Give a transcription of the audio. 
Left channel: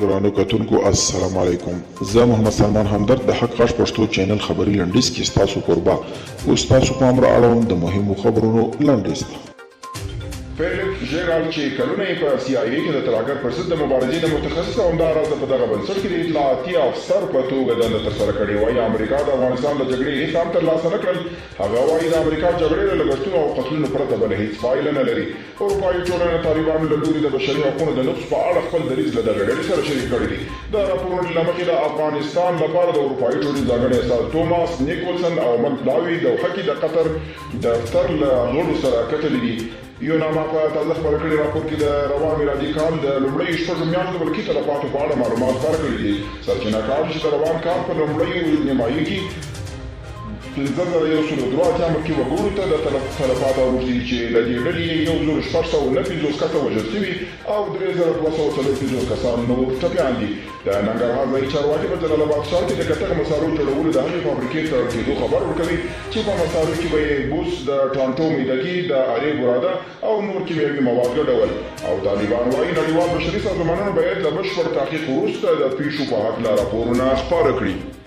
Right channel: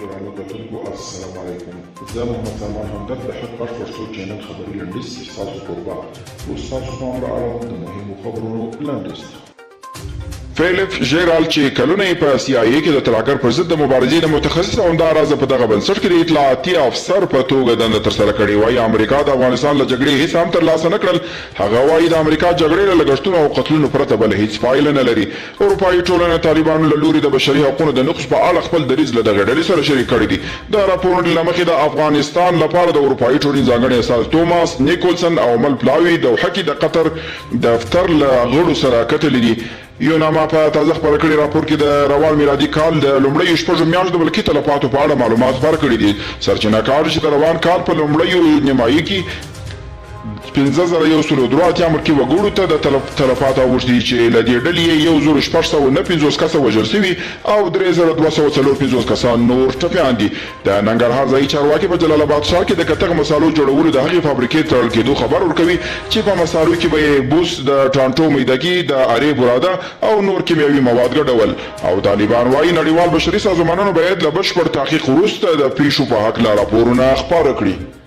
ګرانو کتونکو السلام علیکم. زه محمد سلمان همدرد د حق غږ پښتو چینل خبري لنډیز کې ستاسو قربا اوس تاسو پام را اړوم د مهمو خبرونو لنډیز ته. فیلپ ژیرالډ چې کلونه یې په سی آی ای کې د ترهګر پر ضد د مبارزې د متخصص او همداراز په دغه بنسټ کې د اطلاعاتي افسر په توګه دنده ترسره کړې وایي امریکا د افغانستان له جګړې هیڅ هم ترلاسه نه کړل. هغه وایي د امریکا جګړې له لګښتونو او قتلونو پرته بله هیڅ پایله نه لري. اروپایي ټولنه طالبانو له لوري د بشري حقوقو د نقض په اړه خپل دریځ له دغې ډلې سره شریک کړی دی. د راپورونو له مخې د افغانستان لپاره د اروپایي ټولنې ځانګړي استازي توماس نیکولسن او مل پلاوي د دوحه کې د قطر دفتر له غړو سره کتلي دي. یوناما په تازه خپاره کړي راپور کې د روان میلادي کال د لومړیو شپږو میاشتو د ملکي تلفاتو په اړه معلومات خپاره کړي دي. سرچینه کار چې د روان کال په لومړیو نیمایي کې 5183 ملکي وګړو ته د تلفات اوښتي چې له دې ډلې 1649 کسه وژل شوي او 3254 کسان نور ټپیان دي. د ننګرهار ځایي چارواکي په جلال آباد ښار کې د کتغ مسالو جوړولو د هغې فابریکې تړل کېدو خبر ورکوي چې په مسالو کې به یې بوس د ټانټو میدګي د ارې براده او نور کیمیاوي مواد ګډول. او طالبان وایي نړیوال بشري سازمانونو باید له بشپړ تحقیق وروسته د پیښو په هکله راپورونه خپاره کړي.